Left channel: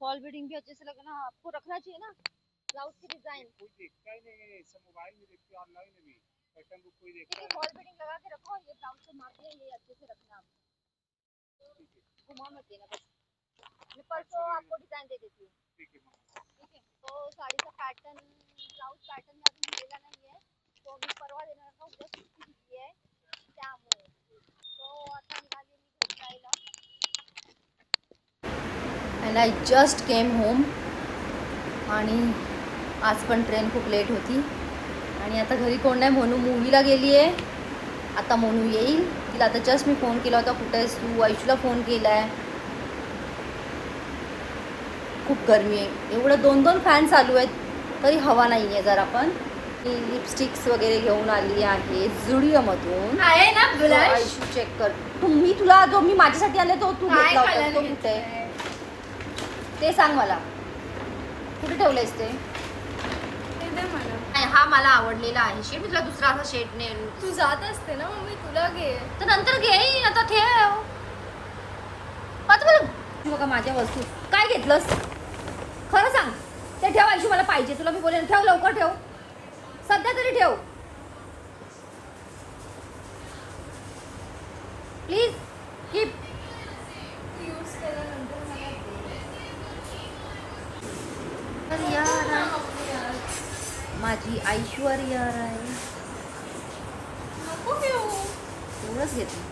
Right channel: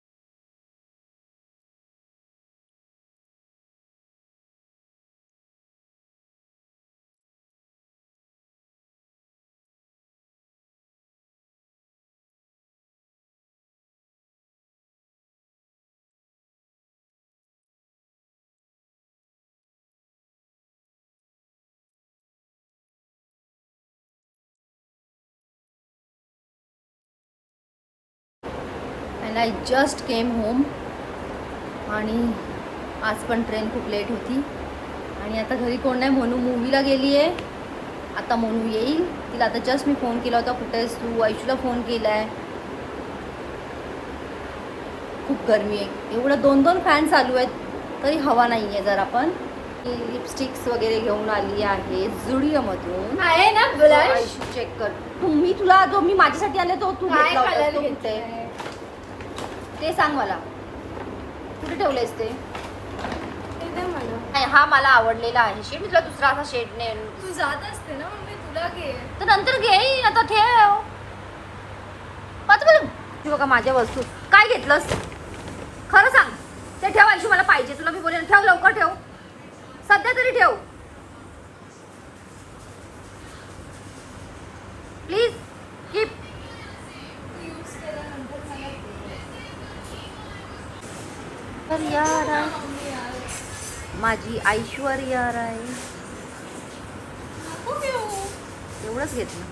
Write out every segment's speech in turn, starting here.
Fall beading भी अच्छे से लगना, आपको रखना चाहिए ना ब्लाउज की डिजाइन। कोई देखता ही नहीं है, सब मोबाइल में देखते हैं, ऑनलाइन में भी पैटर्न बुक कोई देखता है। फॉल बीडिंग लगा के रखो, ये ब्लाउज को माप के ये अच्छे से रखना, आप घुमा मत देना बस। मैं परसों आपको डिजाइन दे देती हूँ। ठीक है। ठीक है, तो साड़ी का पैटर्न, ब्लाउज पैटर्न अजून दिलेला नाहीये, तो मी परवा देणार ना, उद्या सुट्टी दिली आहे त्यामुळे तो आता निघाली मी घरी जायला. And I just came home. आणि आज पण ट्रेन खूप लेट होती आणि आता घरी कोण नाही, मोनू मूवीला गेली आहे. आता मोनू येईल, तिला आता जस्ट मी फोन केला होता, कुठे आहेस तू, आयुषला फोन केला आहे. खूप गरमी आहे, एवढं 2-2 फॅन चालू आहेत तरी हवा नाही आहे. जरा पण मी लिपस्टिक्स वगैरे घेऊन आली आहे झुडिओमधून. आहे ना आयुषू चेक कर, मी तुला जो मी माझ्यासाठी आले तो तू घेतला होता तो कुठे आहे ते सांग मला, कुठे ठेवलंयस ते. हा मला आवडलेला आहे शेड, मी तुला दुसरा असा शेड ने. तू जात असते ना मम्मी, तुला घे. तर नंतर घेईन, आता ठेव. आता बघा माझ्या वस्तू काय घेतलंस खरं सांग, ते ठेव आयुषी, मला पाहिजे. तुला मी बोलेन ठेव, लवकर ठेव, सध्या तरी ठेव प्लीज. कीप. यूज केल्यानंतर मला तर यार माझी ऐश्वर्या राय नको घेऊ. एवढंच घेतलं.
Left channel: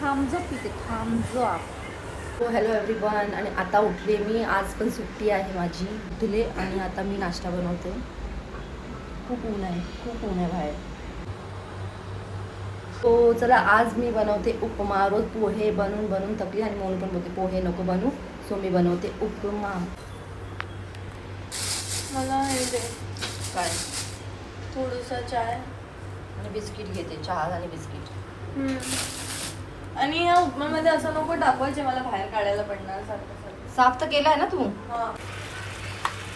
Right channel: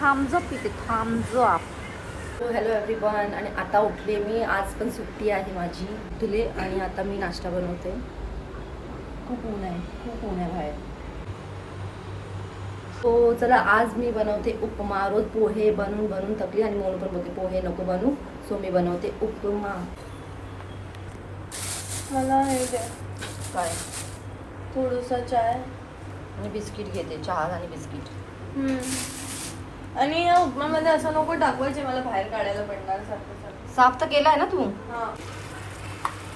थांबजो पिते, थांबजो. हो हॅलो एव्हरीवन. आणि आता उठले मी, आज पण सुट्टी आहे माझी. उठले आणि आता मी नाश्ता बनवते. खूप ऊन आहे, खूप ऊन आहे बाहेर. तो चला आज मी बनवते उपमा. रोज पोहे बनवून बनवून थकली आणि म्हणून पण बोलते पोहे नको बनवू, सो मी बनवते उपमा. मला हे दे काय थोडंसं चाय आणि बिस्किट घेते, चहा आणि बिस्किट. आणि या उपम्यामध्ये असं नको टाकवायचे, मला बाहेर काढायला पडणार सारखं. साफ तर केला आहे ना तू. हां.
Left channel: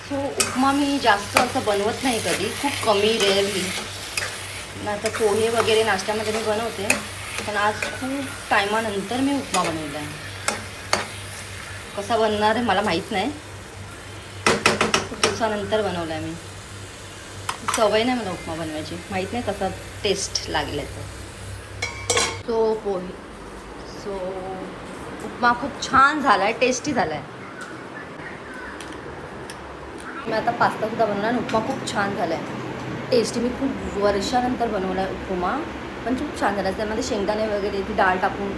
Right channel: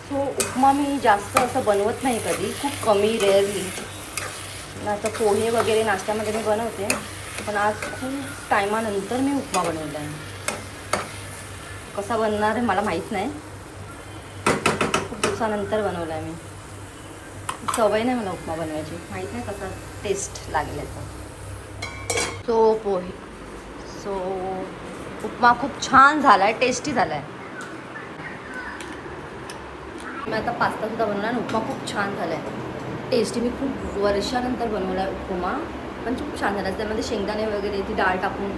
सो उपमा मी जास्त असं बनवत नाही कधी, खूप कमी, रेअरली. आता पोहे वगैरे नाश्त्यामध्ये मी बनवते, पण आज खूप टायमानंतर मी उपमा बनवला आहे. कसा बनणार आहे मला माहीत नाही, खूप दिवसानंतर बनवला आहे मी. सवय नाही मला उपमा बनवायची, माहीत नाही कसा टेस्ट लागेल याचा. तो पोहे, सो उपमा खूप छान झाला आहे, टेस्टी झाला आहे. मी आता पास्तासुद्धा बनवला आणि उपमा खूप छान झाला आहे, टेस्टी. मी खूप वर्षानंतर बनवला आहे उपमा, पण खूप छान झाला आहे. त्यामध्ये शेंगदाणे वगैरे ती डाळ टाकून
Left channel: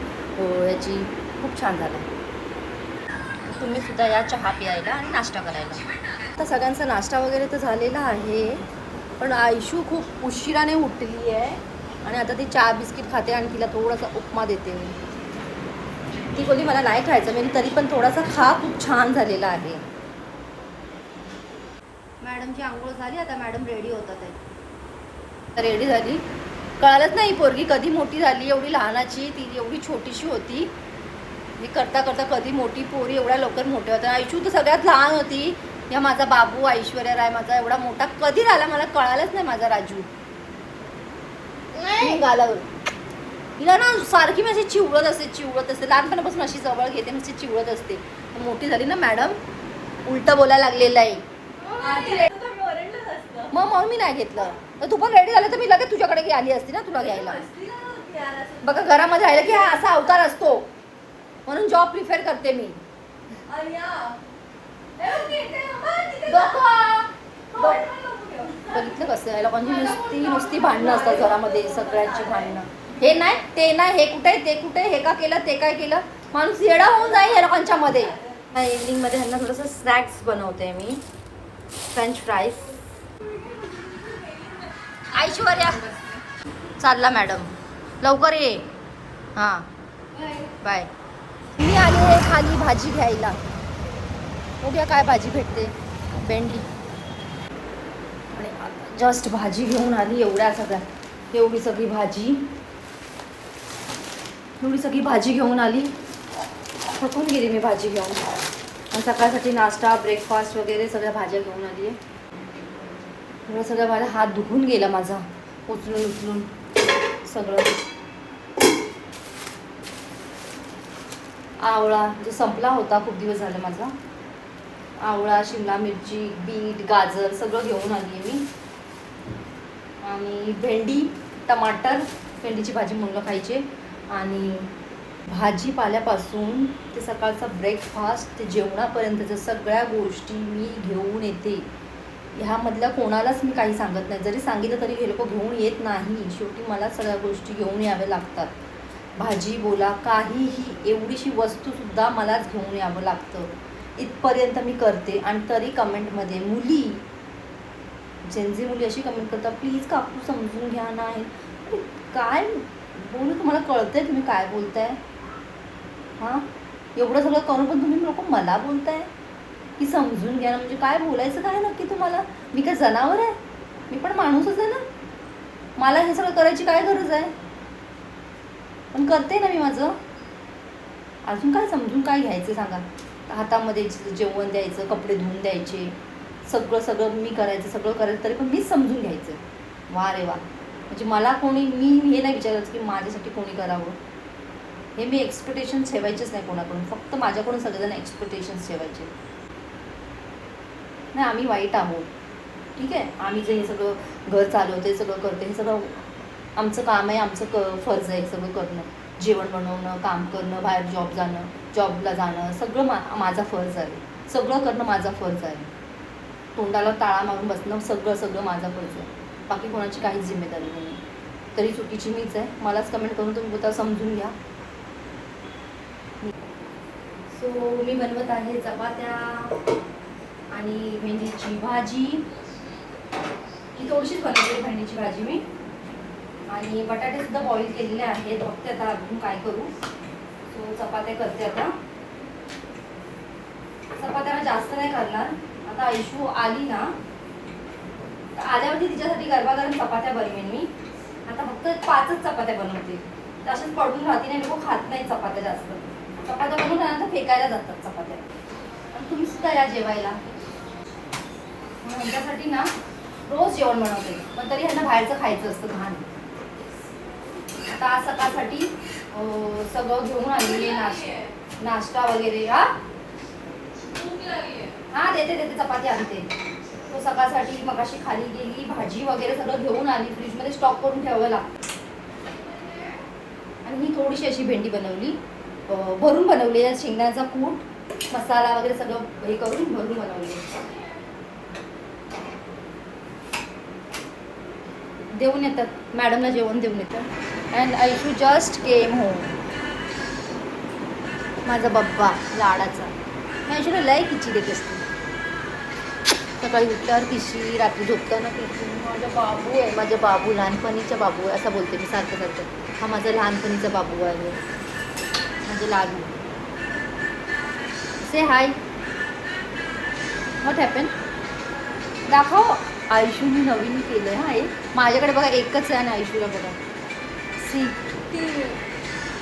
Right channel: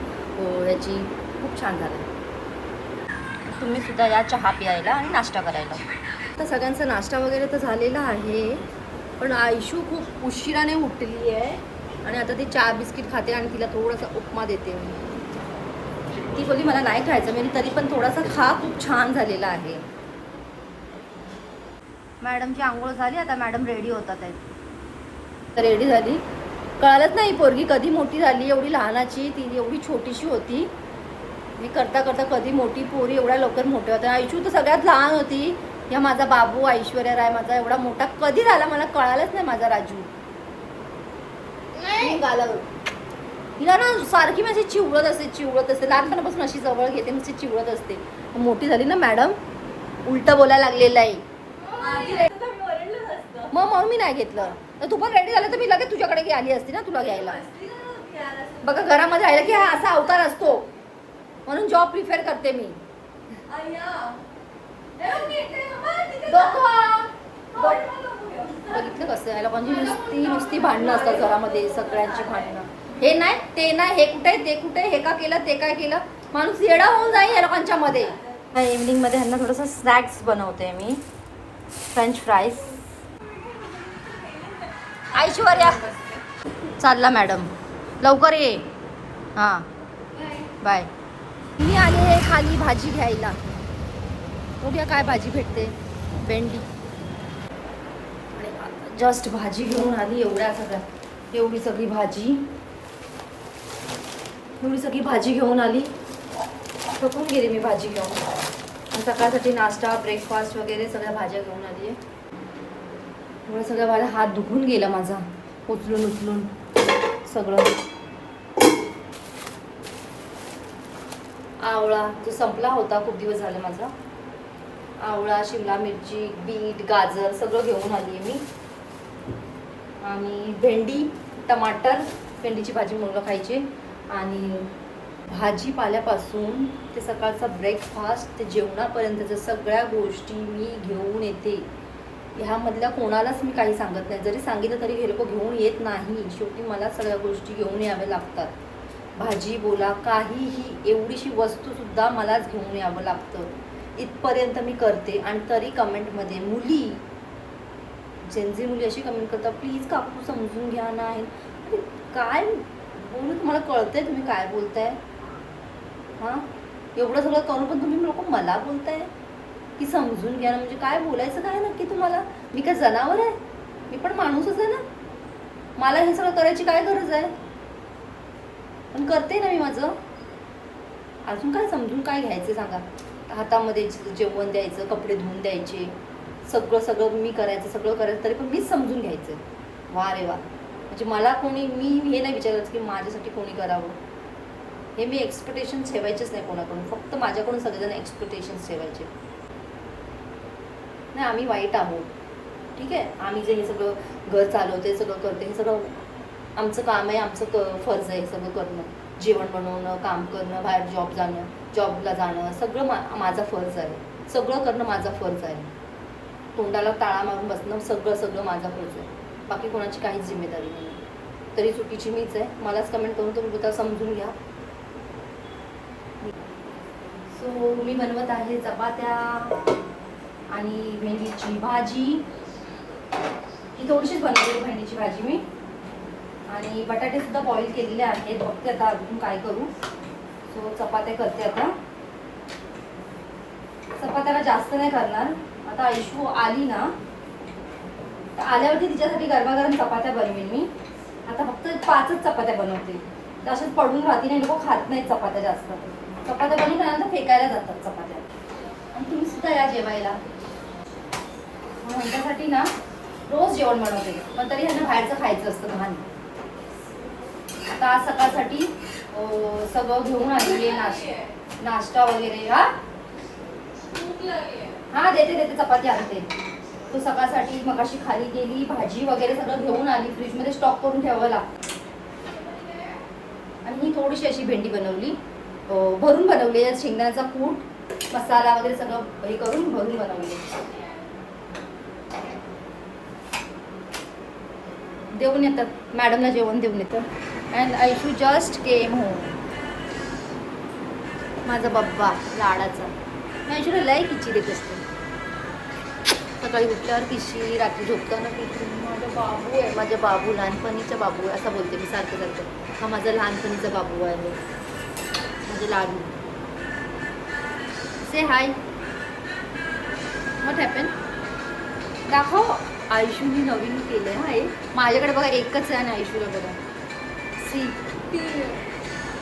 याची खूप छान झाला आहे. तुम्हीसुद्धा या चहा प्यायला आणि नाश्ता करायला. आता सगळ्यांचा नाश्ता वगैरे तर झालेला आहे, पण आयुषू खूप उशिराने उठली आहे आणि आता ती चहा बिस्किट खाते आणि तिला थोडासा उपमा देते मी. ती बोलली मला नाही खायचं, मी तरी पण थोडासा खा, खूप छान झालेला आहे. मॅडमची आंघोळ झाली, आता मॅडम रेडी होतात आहे. रेडी झाली, कळालंच नाही पोरगी कधी मोठी झाली. एवढी लहानाची ती, एवढी छोटीशी होती. मी करता करता कधी मोठी, पोरी एवढ्या लवकर मोठ्या होत्या. आयुषू तर सगळ्यात लहान होती. या माझा बाबू ऐश्वर्या राय माझा एवढा मोठा कधी झाला मला कळालंच नाही. माझा राजू गालावर तिला ना सारखी माझी चिवळत असते. लहानपणापासून अशी जवळ घेते, मी चिवळत असते. मोठी झाली ना मॅडम, उलटं बोलायला लागलेलं आहे. मग मी नाही घेतलं. तर तू पण रेडी झालं तर मी लगेच तुझ्याकडे आली असती ना तुला घ्यायला. बघा घरामध्ये राहिलं की हा असा अवतार असतो, म्हणून जॉब प्रिफर करते मी. बघितलं कसं आहे लोकांची नुसती भांडणं असतात घरामध्ये, सगळ्यांची भांडणं. हे नाही ते नाही, हे कुठे ते कुठे, हे का केलं ते काय केलं, माणूस येडा होऊन जाईल या लोकांच्या मध्ये. इव्हनिंगमध्ये ह्यांना थोडंसं स्नॅक्स बनवते मी, फ्रेंच फ्राईज. ऐश्वर्या चालला मॅडम, लवकर ये. हां बाय. मी आली आहे खाली भाजी घ्यायला, बघूया काय भाजी भेटते. भेंडी. आणि जस्ट भाजी घेऊन आली. एवढी सगळी भाजी घेऊन आली. थकून गेली मी भाजी घेऊन. आणि सकाळसाठी नाश्ता, ब्रेकफास्ट वगैरे सगळ्या भाज्या घेऊन आली आहे. एवढं सगळं माझा हात दुखून गेला माझा, उचलून सगळं. आवळा जो संपला होता खूप दिवस झाले माझा. आवळा, शिमला मिरची, बीट, गाजर सगळं घेऊन आली आहे मी. आणि भेंडी, टमाटर, भेंडीची भाजी मुलगा खायची. आणि भाजीपाल्यापासून ते सकाळचा ब्रेकफास्ट ते जेवणापर्यंतच्या सगळ्या गोष्टी मी घेऊन येते. ह्यामधल्या कोणालाच मी काही सांगत नाही. जरी सांगितलं तरी हे लोक घेऊन येत नाही. शेवटी मला सगळ्या गोष्टी घेऊन याव्या लागतात. भाजी बोला, काहीही एवढीशी वस्तूसुद्धा मलाच घेऊन यावं लागतं. इथपर्यंत मी करते. आणि तरी कमेंटमध्ये मुली, जेनझी मुली अशी कमेंट करतात, प्लीज काकू समजून घ्या ना. अरे काय बोलू, तुम्हाला कळतंय तुम्ही काय बोलताय? हां, एवढं सगळं करून पण तुम्ही लोक मला बोलताय की समजून घ्या ना. म्हणजे काय बोलायचं काय नक्की तुम्हाला? मी काय जनावर आहे? मी पण माणूसच आहे ना. मला हे सगळं करायची काय गरज आहे? पण करते ना मी माझं. अजून काय समजून काय घ्यायचं सांगा? हातामध्ये जेवण द्यायचं, कपडे धुवून द्यायचे, सगळं मी करायचं, सगळं करायचं, तरी पण मीच समजून घ्यायचं. वा रे वा. म्हणजे मला कोणी, मी हे नाही विचारायचं की माझ्यासाठी कोणी करावं. हे मी एक्सपेक्टेशन्स ठेवायचेच नाही कोणाकडून. फक्त माझ्याकडून सगळेजण एक्सपेक्टेशन्स ठेवायचे. नाही, आम्ही वाईट आहोत, ठीक आहे. आम्ही जे हे सगळं घर चालवते, सगळं करते, हे सगळं आमचं काम आहे, आमचं फर्ज आहे सगळं करणं. जेवण बनवणं, काम करणं, बाहेर जॉबला जाणं, सगळं माझा फर्ज आहे. सगळं करणं माझा फर्ज आहे. तोंडाला टाळा मारून बसणं सगळं माझा फर्ज आहे. बाकी कोणाची काहीच जिम्मेदारी नाही. तरी चुकीची मीच आहे. मलाच कमेंट करून तुम्ही बोलता समजून घ्या. सो मी बनवत आहे चपात्या आणि भेंडीची भाजी. ही थोडीशीच बनवली भेंडीची भाजी मी. आणि बटाटे सुद्धा बॉईल केलेले आहेत. फक्त आता अजून काय करू. सो चपात्या करते आता. चपात्याला जास्त नाही करणार. आता ऐशू आली ना, तर आल्यावरती तिच्यासाठी गरमागरम चपात्या बनवेन मी. आता फक्त 5च चपात्या बनवते. तर अशाच पडून राहते नाही, लोक खात नाही चपात्या जास्त. चपात्या बनवून त्यानंतर फेकायला जातात चपात्या. आणि तुम्ही सुद्धा या जेवायला. म्हणून त्यांच्यासाठी ना रोज जेवण बनवते. पण तरी ह्यांना बाहेरचं खायचं असतं घाण. आता आज सकाळसाठी सगळं घेऊन आली आहे. नाश्ता वगैरे. हा देते चपाती आणते. तो सकाळसाठी मगाशी खाली गेली. भाजी वगैरे सगळं घेऊन आली. फ्रीजमध्ये स्टॉक करून ठेवावं लागतं. आणि ही थोडीशी अशी भेंडी बनवली, भरून बनवली आहे. शेंगदाण्याचा कूट, मसाला वगैरे सगळं हे करून भरून बनवली. देऊन येतात मॅडमला, जेवण देऊन येतं. And Aishu just came home. माझा बब्बा लाडाचा. मी ऐशूला लय किची देत असते. सकाळी उठल्यावर किशी, रात्री झोपताना किशी. माझा बाबू आहे, माझा बाबू लहानपणीचा बाबू आहे असं बोलते मी सारखं. हा माझा लहानपणीचा बाबू आहे, माझे लाडू. से हाय. What happen? दाखव. आयुष्यूनी नवीन केलं आहे. हे माझ्याकडे बघा एकच आहे आणि आयुष्यूला बघा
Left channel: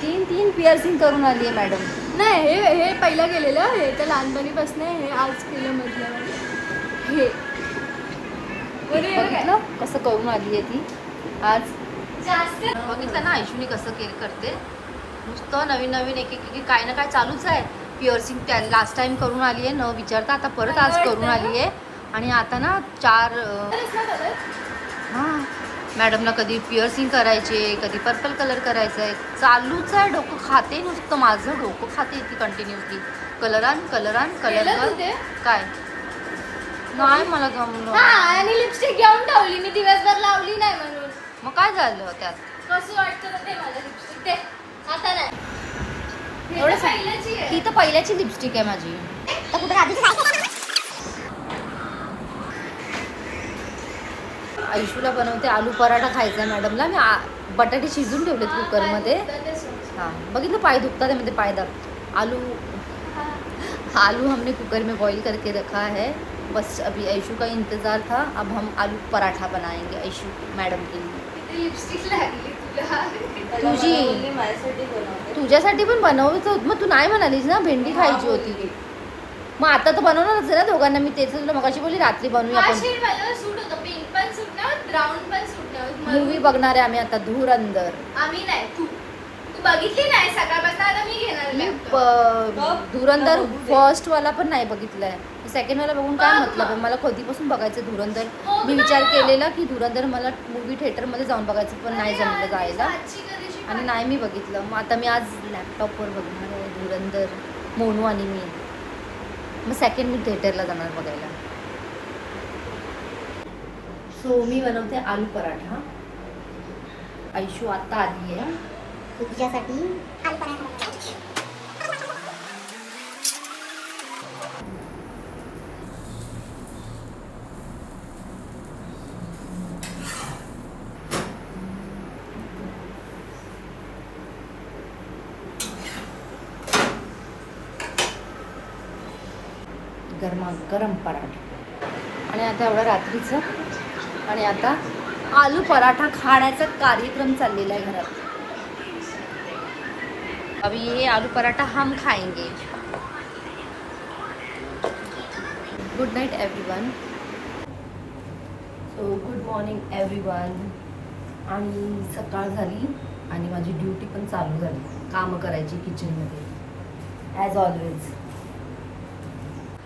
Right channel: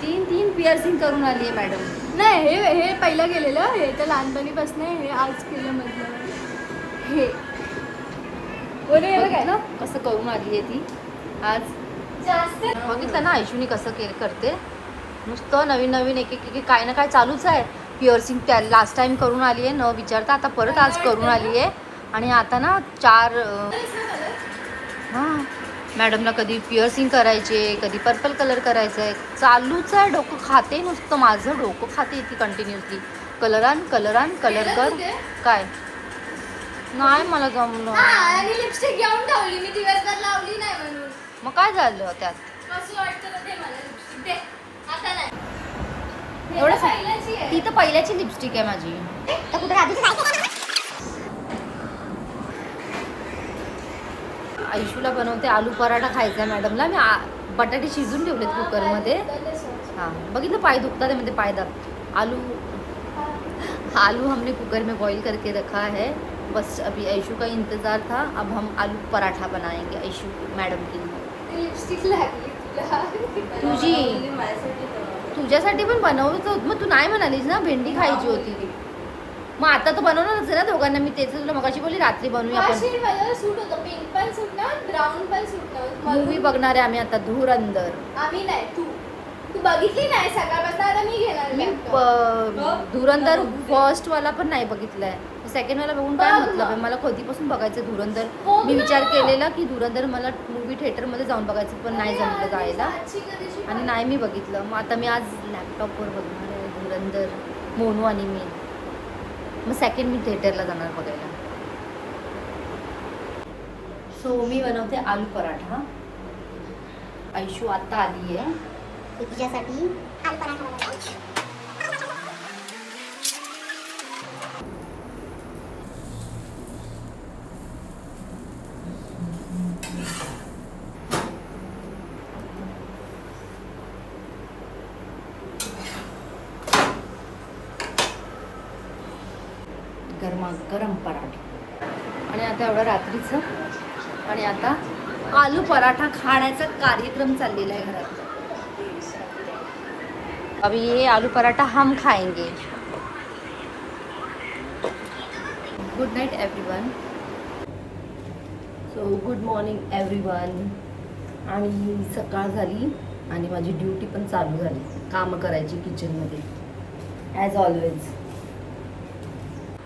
तीन पिअर्सिंग करून आली आहे मॅडम. नाही, हे पहिलं केलेलं, हे तर लहानपणीपासून, हे आज केलं म्हटलं. हे बघितलं कसं करून आली आहे ती आज. बघितलं ना आयुष्यूनी कसं करते. नुसतं नवीन एक काय ना काय चालूच आहे. पिअर्सिंग त्या लास्ट टाइम करून आली आहे न विचारता. आता परत आज करून आली आहे. आणि आता ना 4 हां मॅडमला कधी पिअर्सिंग करायचे, कधी पर्पल कलर करायचं आहे. चालूच आहे. डोकं खाते नुसतं. माझं डोकं खाते ती कंटिन्युअसली. कलर आण, कलर कर. काय नाही मला जमलं. आणि लिपस्टिक घेऊन ठेवली मी, दिवसभर लावली नाही म्हणून. मग काय झालं त्यात? कसं वाटतं ते मला लिपस्टिक दे. आता नाही. एवढं पहिल्याची आहे. ती तर पहिल्याची लिपस्टिक आहे माझी. तर कुठे आयुष्यूला बनवते आलू पराठा खायचा आहे मॅडमला. मी बटाटे शिजून ठेवलेत कुकरमध्ये. हाँ बघितलं पाय दुखता है, मतलब पाय दर्द. आलू हमने कुकर में बॉईल करके रखा है. बस अभी ऐशू का इंतज़ार था. अब हम आलू पराठा बनाएंगे ऐशू मैडम के लिए. लिपस्टिक लागली तुझी तुझ्यासाठी पण बनवलं होतं. मग तू नाही म्हणालीस ना भेंडी खायची होती ती. मग आता तर बनवणारच आहे ना दोघांना. मी तेच तुला मगाशी बोलली रात्री बनवूया आपण. सूट होतं. पिंक पण सूट नाही, ब्राऊन पण सूट नाही. मूवी बघणार आहे आम्ही आता धुरंधर. आम्ही नाही, तू तू बघितली नाही सकाळपासून, आता मी घेणार laptop. धुरंधर फर्स्ट वाला पण नाही बघितलाय, सेकंड वाला बघून काय मतलब आहे. मला कधीपासून बघायचं धुरंधर. मी विचार केलेला की धुरंधर मला मूवी थिएटरमध्ये जाऊन बघायचं, पण नाही जमलं जायला आणि नाही मी बघितलं. मग आता मी आज लॅपटॉपवर बघणार आहे धुरंधर, मोनू आणि मी. मग सेकंड मी थिएटरला जाणार बघायला. सो मी बनवते आलू पराठा. आयशू आता आली आहे. तुझ्यासाठी आलू पराठा बनवला. गरमागरम पराठा. आणि आता एवढं रात्रीचं, आणि आता आलू पराठा खाण्याचा कार्यक्रम चाललेला आहे घरात. अभी ये आलू पराठा हम खाएंगे. Good night everyone. So good morning everyone. आणि सकाळ झाली आणि माझी ड्युटी पण चालू झाली, कामं करायची किचनमध्ये ॲज ऑलवेज.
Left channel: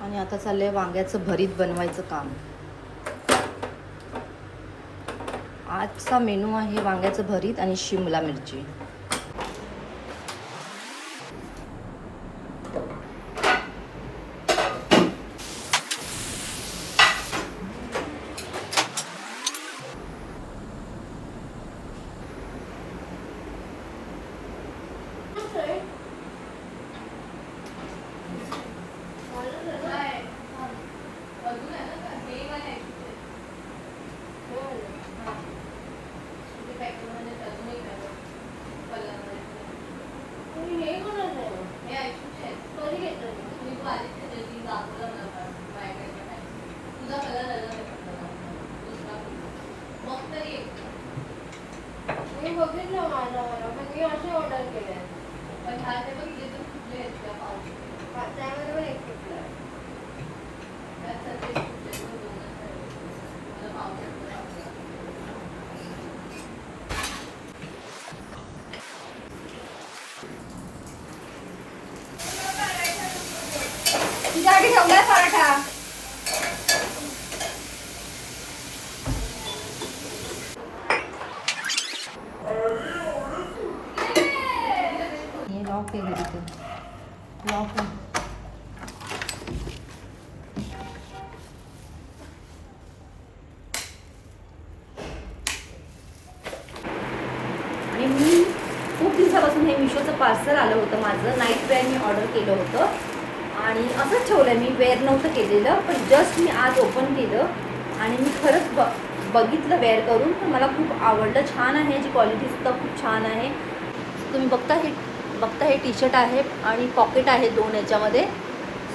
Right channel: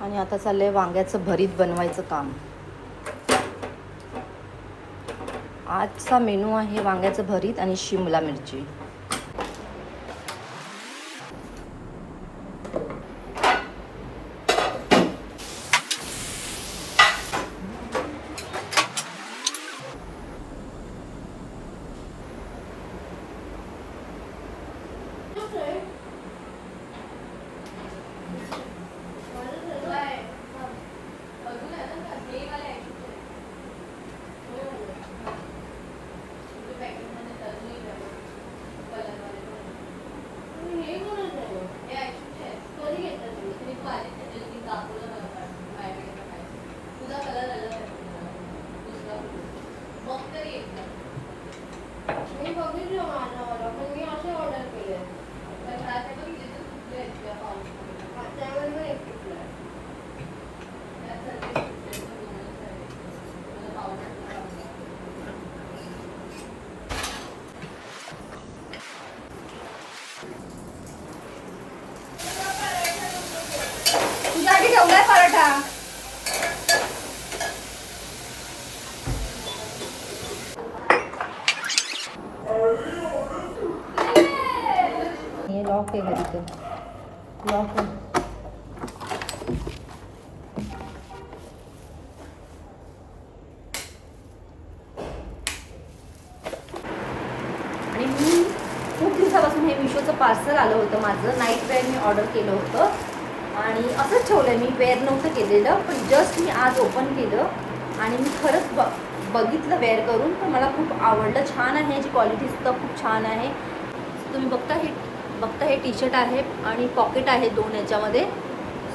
आणि आता चाललंय वांग्याचं भरीत बनवायचं काम. आजचा मेनू आहे वांग्याचं भरीत आणि शिमला मिरची. तुझ्यासाठी ठेवलाय पराठा. हे लॉक आहे घरी, तर लॉक आहे. आणि मी खूप दिवसापासून हे मिशोचं पार्सल आलं होतं माझं. नाईट वेअर मी ऑर्डर केलं होतं आणि असंच ठेवलं. मी वेअर नव्हतं केलेलं, पण जस्ट मी आज ओपन केलं आणि मी खरंच बघितलं वेअर करून, पण मला खूप आवडलं. छान आहे, याची क्वालिटीसुद्धा खूप छान आहे. तुम्ही बघता हे टी शर्ट आहे आणि पॉकेट आहे 2 याच्यामध्ये.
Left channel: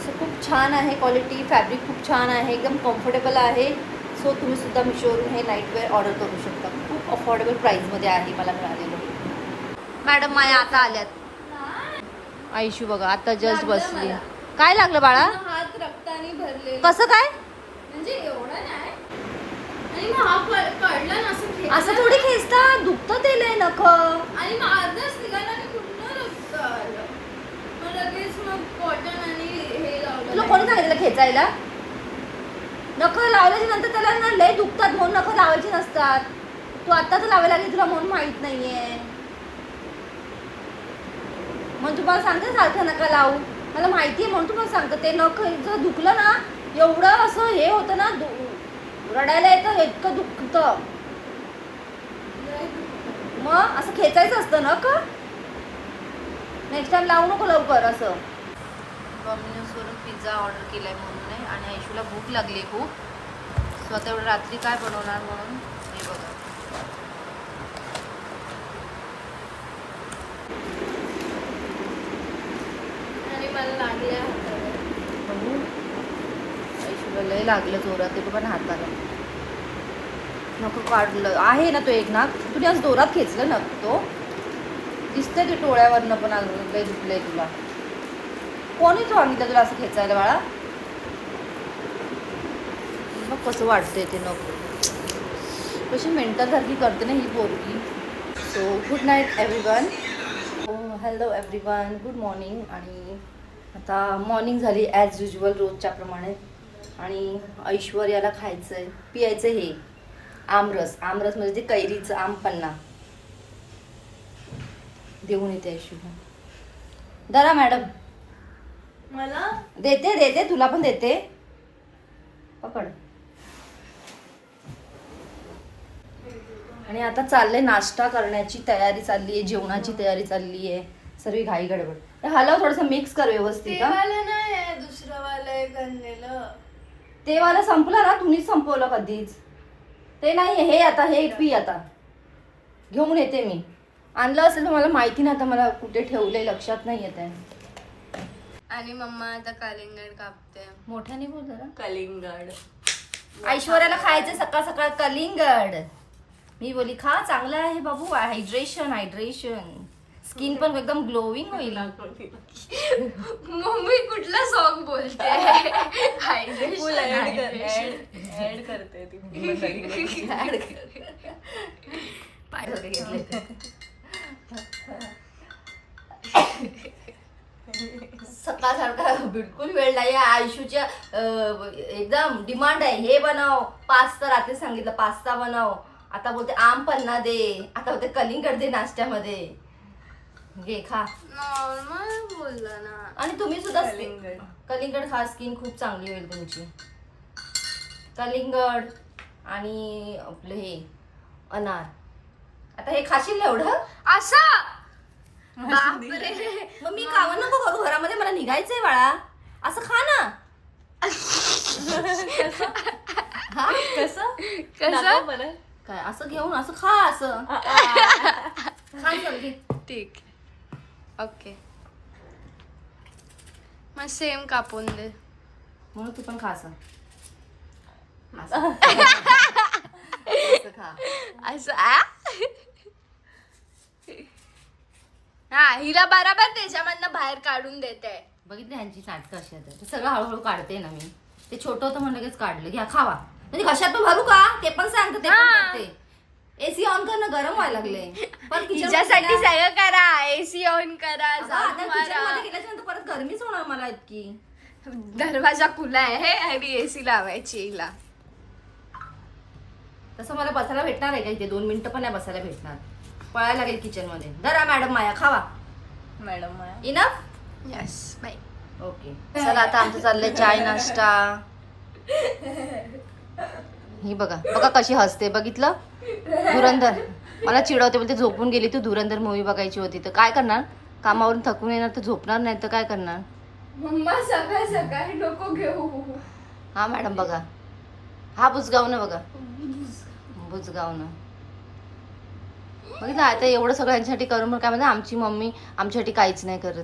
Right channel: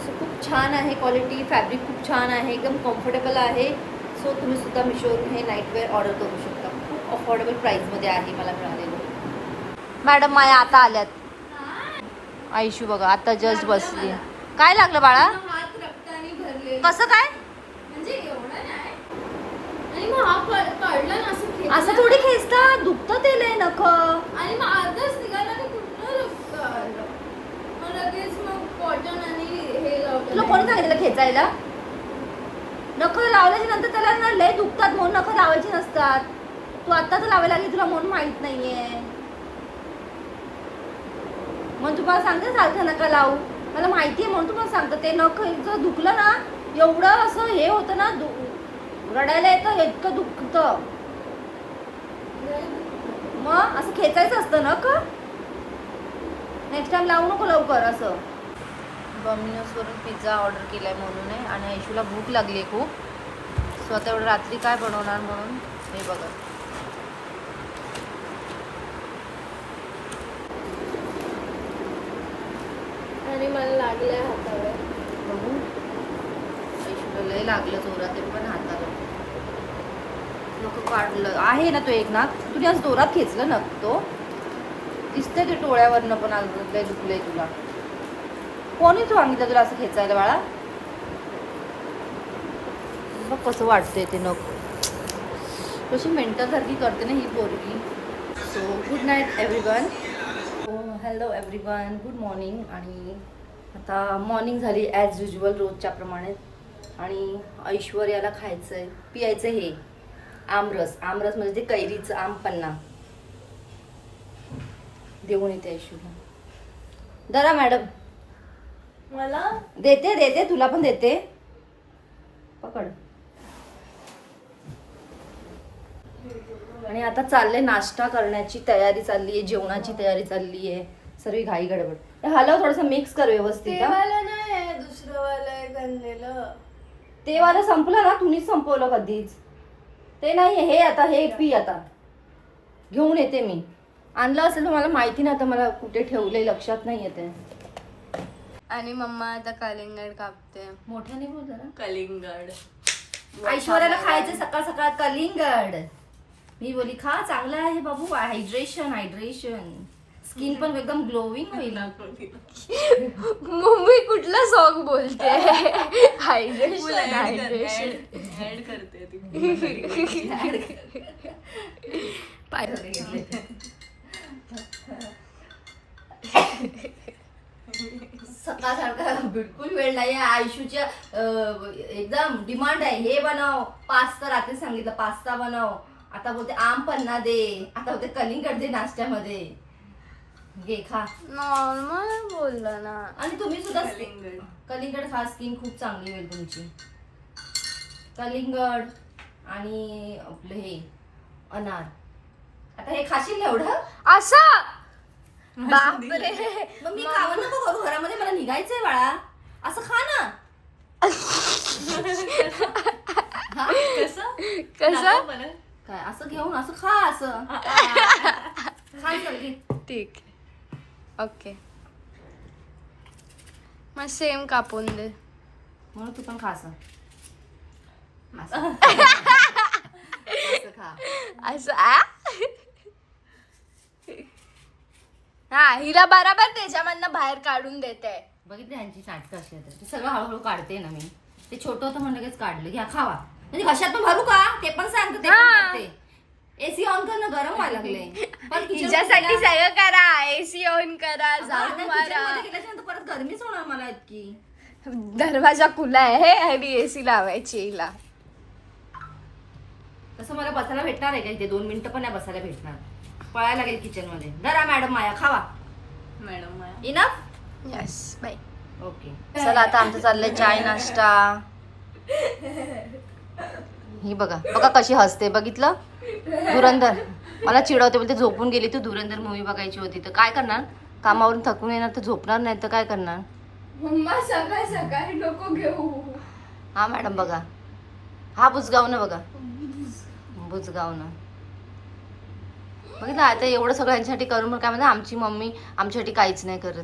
सो खूप छान आहे क्वालिटी, फॅब्रिक खूप छान आहे, एकदम कम्फर्टेबल आहे. सो तुम्हीसुद्धा मिशोवरून हे नाईट वेअर ऑर्डर करू शकता. खूप अफोर्डेबल प्राईसमध्ये आहे मला मिळालेलं. मॅडम माया आता आल्यात. आयशू बघा आता जस्ट बसली. काय लागलं बाळा? हात रक्ताने भरले. कसं काय? म्हणजे एवढं नाही. आणि मग हा पडला ना असं खेचला. असं थोडी खेचता, दुखतं ते लय नख. आणि मग अर्धच निघाला तर कुठलं रक्त आलं. मग लगेच मग कॉटन आणि हे लावलं. तुला कोणी सांगितलं खेचायला? नख लावल्याच्या नंतर त्याला ना लय दुखतात म्हणून नख लावायची नसतात. तू आत्ताच लावायला लागली, तुला म्हणून माहित नाहीये. म्हणून तुम्हाला सांगते सारखं नका लावू. मला माहिती आहे म्हणून तुम्हाला सांगते. ते नख जर दुखलं ना, एवढं असं हे होतं ना, रडायला येतं, इतकं दुखतं. मग असं खेचायचं असतं ना का? नेक्स्ट टाइम लावू नको लवकर असं. डॉमिनोजवरून पिझ्झा ऑर्डर केलाय म्हणून आहे आणि आयशूला भूक लागली खूप. सो आता एवढं रात्री काय बनवणार म्हणून हे बघा. आणि मला लागल्या बघू, आयशूला लय लागलं जोरात, ते पण हाताला नको काढलं आहे ना तो एक नाक. तुम्ही आज जोरात खेचलं नक, तो दिसतंय ते डोळ्यावरनं पण आलं. लय दुखलंय तुला. कोणी सांगितलं तुला असं खेचायला बाळा? बघ कसं वाटतंय ते नक, कशी मेंटलसारखी करते ना ही पोरगी. So good night everyone. Hello everyone, good morning. आणि आता मॉर्निंग झाली ॲज युजल रोजच्या प्रमाणे. आणि ऐश्वर्याला खायचं आहे, पियायचं हे आमरस. आमरस म्हणजे ते कैरीचं आम पन्ना. देऊन येते ऐश्वर्या. दादा मॅडम मला देते तुला पण देते. पकड. आणि आता चालले नाश्ता करण्याची तयारी चालली आहे, जेवणाची तयारी चालली आहे. सर्व घाई गडबड. हलव थोडस मिक्स कर व्यवस्थित. हा? वाला नाही आहे, दुसरं वाला आहे आणलेलं. ते वाला संपलं ना, तुम्हीच संपवलं कधीच. ते नाही, हे आता हे पी. आता घेऊन येते मी. आणलं असेल तर मला माहिती नाही, आता मला कुठे ठेवलंय लक्षात नाही येते. आणि मम्मा आता कलिंगड कापते. मोठ्याने बोल जरा. कलिंगड ऐश्वर्याला खायचं सकाळ सकाळ कलिंगड. मी बोली खा, चांगलं आहे बाबू. हायड्रेशन. स्किन पण एकदम ग्लोविंग होईल. मम्मी कुठला सॉन्ग बोलते? हायड्रेशन ऍड पाय होते घेतले. सकाळ सारखा बिलकुल वेळ नाही. आयुष्याच्या एकदम डिमांड आहे, हे बनव पास्ता. रात्री सांगितलं पास्ता बनव, आता बोलते आम पन्ना दे, आता बोलते कलिंगड दे नाश्त्यामध्ये. घे खा. नॉर्मल बोलला ना. आणि तुम्ही सुद्धा कलिंगड खा, स्किन खूप चांगली होईल तुमची. कलिंगड आणि आपलं हे अनार. आता हे खाशील ना एवढं? असं बापरे. मग मी खावं नको करू घरामध्ये, मला निघायचंय बाळा. असं खा ना. कसं काय असं घेऊन असं खा, असं खा. चल घे. ठीक, ओके. मग सेम कापून दे. म्हणून तू पण खा असं. असं खा. असं हा, हिला बराबर त्याच्यामधनं बाहेर काढून देते. बघितलं ह्यांची नाटकं अशी आहेत. ते सगळं हळूहळू काढते ना मी. ते छोटं होतं म्हणलं लगेच काढलं. घ्या खावा. म्हणजे घशात पण भरू का ते पण सांगते. ते पण करते. एसी ऑन कर ना, गरम व्हायला लागले. पण तिच्यासाठी सगळं करा. एसी ऑन करा, झाडू मारा. गेल्याच्यानंतर परत गरमीच होणार मला इतकी. दरवाजा खुला आहे आणि एसी लावायची हिला. तसं मला बसायला भेटणार आहे का इथे? 2 मिनिटं पण नाही बसायला भेटणार. पळायला लागेल किचन मध्ये. धरा मॅडम माया, खावा. Madam Maya enough. Yes bye. Okay, चला आता आमचं चाललंय चाय नाश्ता. ही बघा बघा कशी हसते, बघितलं? धुरंधर मला चिडवते, बोलते झोपून गेली तू. धुरंधर मूवी बघायची होती तर काय करणार? कामावरून थकून येणार तर झोपणार नाही तर काय करणार? मम्मा सकाळ सकाळी नको घेऊ. हा मॅडम बघा, हा बुजगावणं बघा, बुजगावणं बघितलं. आता एवढं सगळं यांच्यासाठी करून मग काय म्हणतात, आमची मम्मी आमच्यासाठी काहीच नाही करत.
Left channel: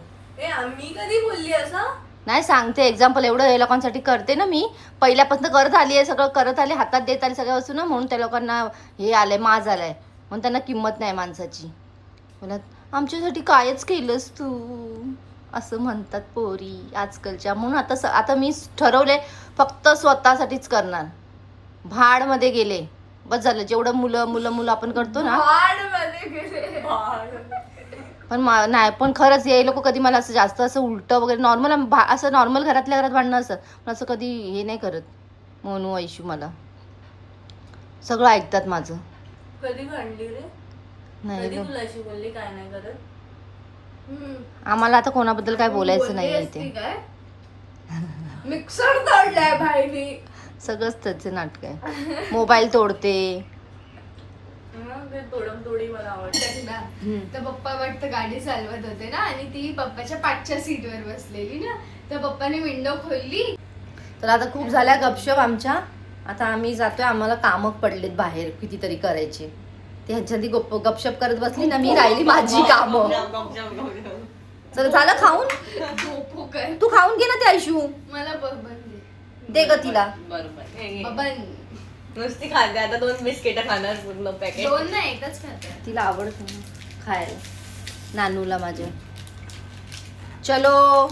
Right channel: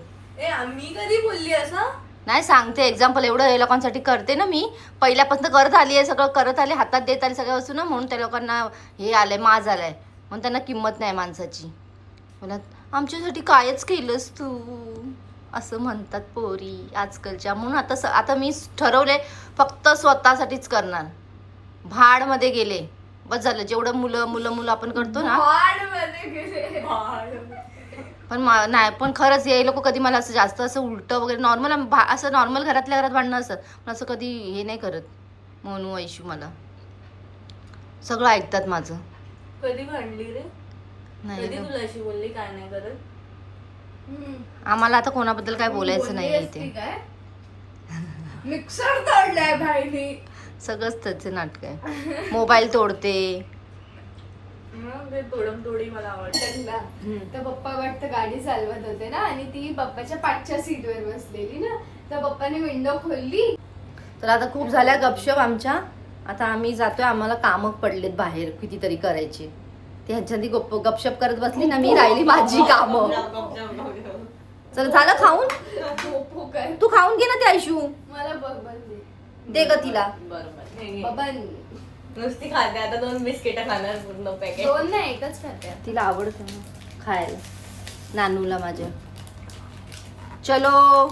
मी कधी बोलली असं? नाही सांगते एक्झाम्पल. एवढं हे लोकांसाठी करते ना मी, पहिल्यापासून करत आली आहे, सगळं करत आले, हातात देत आले सगळ्या वस्तू ना, म्हणून त्या लोकांना हे आलंय, माज आलाय, म्हणून त्यांना किंमत नाही माणसाची. मला आमच्यासाठी कायच केलंस तू असं म्हणतात पोरी आजकालच्या. म्हणून आता मी ठरवले फक्त स्वतःसाठीच करणार. भाडमध्ये गेले बस झालं. जेवढं मुलं आपण करतो ना, पण नाही, पण खरंच हे लोक कधी मला असं जास्त असं उलटं वगैरे नॉर्मल असं नॉर्मल घरातल्या घरात भांडणं असं, पण असं कधी हे नाही करत. मोनू ऐशू मला सगळं ऐकतात माझं. कधी भांडली रे? नाही तुला अशी बोलली काय नाही करत? आम्हाला आता कोणाबद्दल काय बोलायचं नाही इथे. मिक्सर तोडलाय भाईनी. सगळंच त्याचं नाटक आहे. मोबाईल तोडते. तोडी मला आवडते. तर पप्पा वाटतं गाडी चालवत होते ना, आणि ती पप्पाच्या पाठच्या सीटवर बसलेली ना, तर पप्पाने विंडो खोलली. तर आता खूप झाल्या गपशप आमच्या. आता आम्ही जातोय, आम्हाला कामं पडलेत बाहेर कितीतरी करायचे. ते ह्याच्यासाठी गपशप करत बसली ना मी, राहिली माझी कामं. चल झालं खाऊन? तू खाऊन घे ना ते ऐशू. मला बरोबर दे ग तिला. बबन नुसती खाते आता. 2 बिस्किट खाणार पूर्ण पॅकेट. 2 नाही, एकच खाते. तिला आवडतं ना खायला, नानूला माझ्या. चलो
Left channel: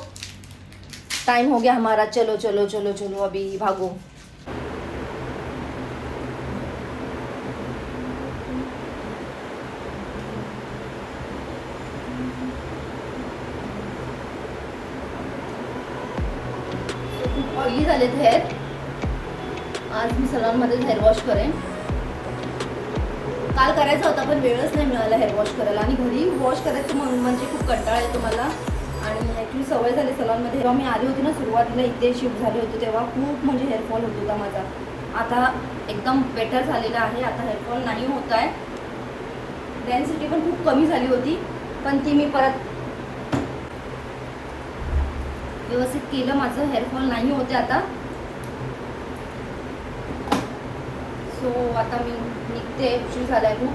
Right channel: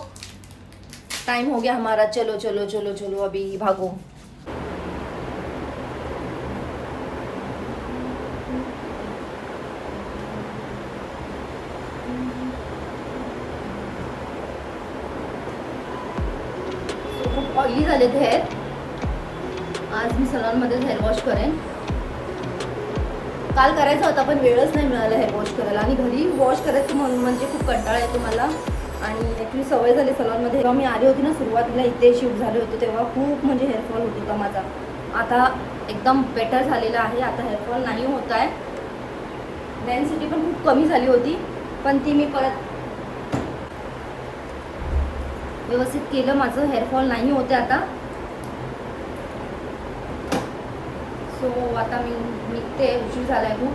टाइम हो गया हमारा, चलो चलो चलो चलो अभी भागो. खूप ऑइली झालेत हेअर. आज मी सलॉनमध्येच हेअर वॉश करेन. काल करायचा होता पण वेळच नाही मिळाला हेअर वॉश करायला, आणि घरी वॉश करायचं म्हणून म्हणजे खूप कंटाळा येतो मला. आणि ॲक्च्युली सवय झाली सलॉनमध्ये. जेव्हा मी आली होती ना सुरुवातीला इथे शिफ्ट झाले होते तेव्हा खूप म्हणजे हेअरफॉल होत होता माझा. आता एकदम बेटर झालेलं आहे. आता हेअरफॉल नाही होत आहे. डेन्सिटी पण खूप कमी झाली होती पण ती मी परत व्यवस्थित केलं. माझं हेअरफॉल नाही होते आता. सो आता मी निघते. उशीर झालाय खूप.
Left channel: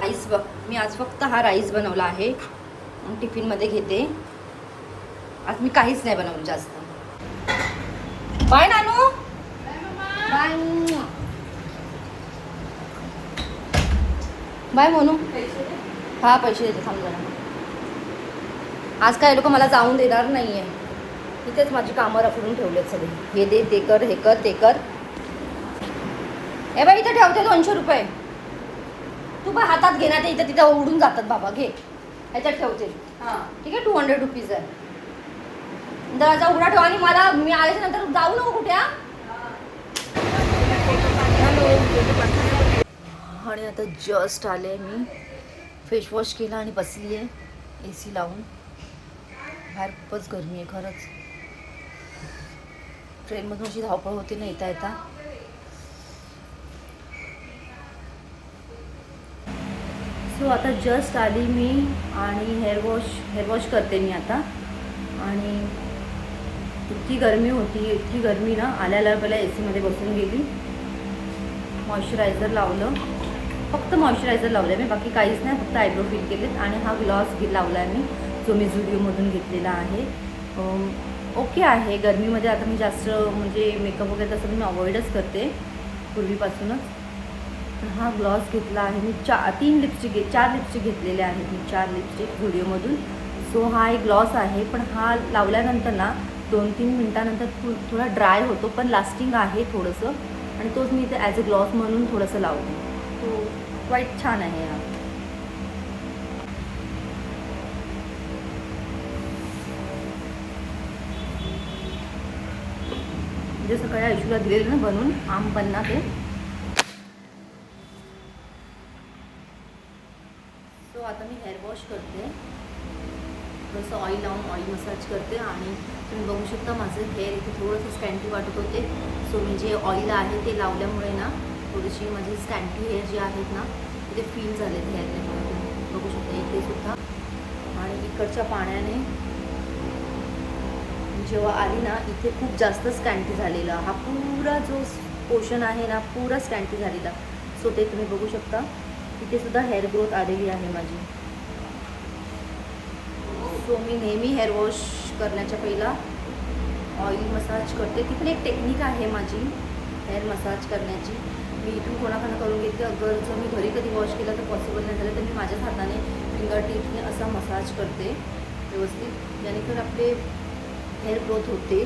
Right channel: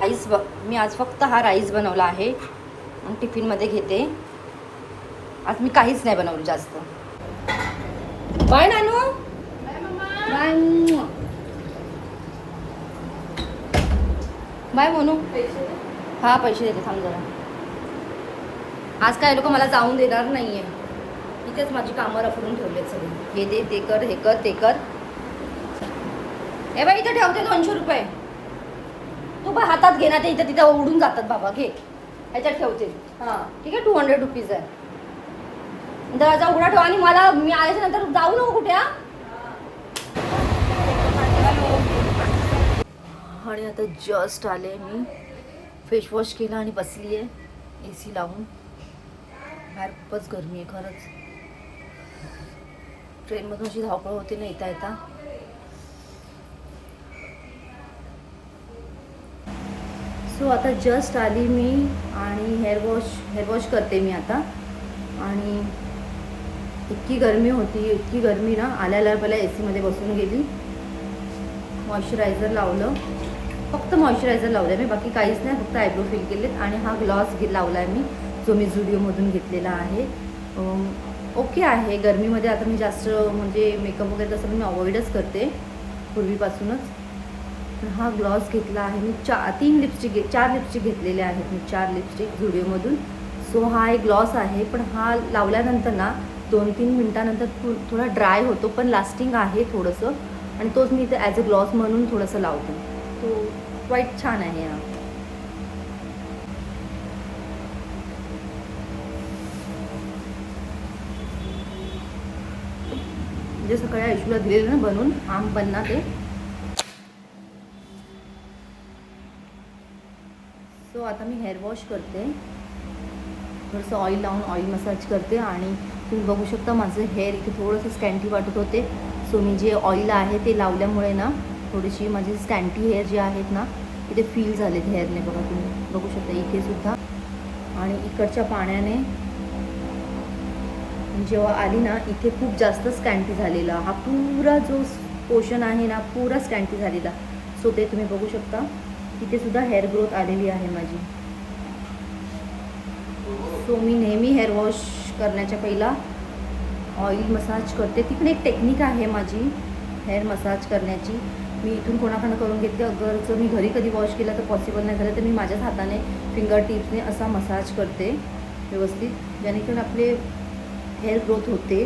राईस मी आज फक्त हा राईस बनवला आहे. मग टिफिनमध्ये घेते. आज मी काहीच नाही बनवलं जास्त. बाय नानू. बाय. बाय म्हणू. हा पैसे देते थांब जरा. आज काय लोक मला जाऊन देणार नाही आहे. इथेच माझी कामं रखडून ठेवलेत सगळी. हे दे, ते कर, हे कर, ते कर. ए बाई इथं ठेवते 200 रुपये. तू बा हातात घे ना, ते इथं तिथं उडून जातात बाबा. घे ह्याच्यात ठेवते. ठीक आहे 200 रुपीज आहे. दरवाजा उघडा ठेवा आणि मला मी आल्याच्या नंतर जाऊ नको कुठे. आणि आता जस्ट आले मी. फेस वॉश केला आणि बसली आहे AC लावून. बाहेर खूपच गरमी आहे खरंच. ट्रेनमधून अशी धावपळ होती ना येता येता. सो आता जस्ट आली मी आणि हेअर वॉश करते मी आता. आणि इतकी गरमी होती, इतकी गरमी ना, आल्याला पहिला AC मध्ये बसून गेली. मॉइश्चरायझर लावलं, फक्त मॉइश्चरायझर लावलं मी, बाकी काहीच नाही. फक्त आयब्रो फिल केलेत आणि हा ग्लॉस लावला आहे मी, जो मी झुडिओमधून घेतलेला आहे. ओके आहे. गरमीमध्ये आता मी जास्त म्हणजे मेकअप वगैरे तसं मी अवॉइडच करते पूर्वीपासूनच. पण हा ग्लॉस घेतला आहे मी. 4 लिपस्टिक घेतलेले आहेत मी. 4 लिपस्टिक झुडिओमधून. सो हा एक ग्लॉस आहे. पण हा लावल्यानंतर ना 2-3 मिनटानंतर थोडा ड्राय होतो, पण लास्टिंग आहे थोडंसं. आणि तोच मी इथे ॲज अ ग्लॉस म्हणून थोडंसं लावते. तो क्वाईट छान आहे हा. जे सकाळी आयुषला दिलेलं ना बनवून आम पन्ना ते. सो आता मी हेअर वॉश करते. थोडंसं ऑइल लावून ऑइल मसाज करते. आणि तुम्ही बघू शकता माझं हेअर इथे थोडंसं स्कॅन्टी वाटत होते. सो मी जे ऑइल आहे ते लावल्यामुळे ना थोडीशी माझी स्कॅन्टी हेअर जे आहेत ना ते फील झालेत हेअरने. बघा तुम्ही बघू शकता इथे सुद्धा. आणि इकडच्या पाण्याने जेव्हा आली ना इथे खूप जास्त स्कॅन्टी झालेला. हा पुरा जो पोर्शन आहे ना पुरा स्कॅन्टी झालेला. सो ते तुम्ही बघू शकता. इथे सुद्धा हेअर ग्रोथ आलेली आहे माझी. सो मी नेहमी हेअर वॉश करण्याच्या पहिला ऑइल मसाज करते. ती पण एक टेक्निक आहे माझी हेअर मसाज करण्याची. मी इथून कोणाकडनं करून घेते. अगर जर मी घरी कधी वॉश केला तर पॉसिबल नाही झालं तर मी माझ्याच हाताने फिंगर टिप्सने असा मसाज करते व्यवस्थित, जेणेकरून आपले हेअर ग्रोथ होते.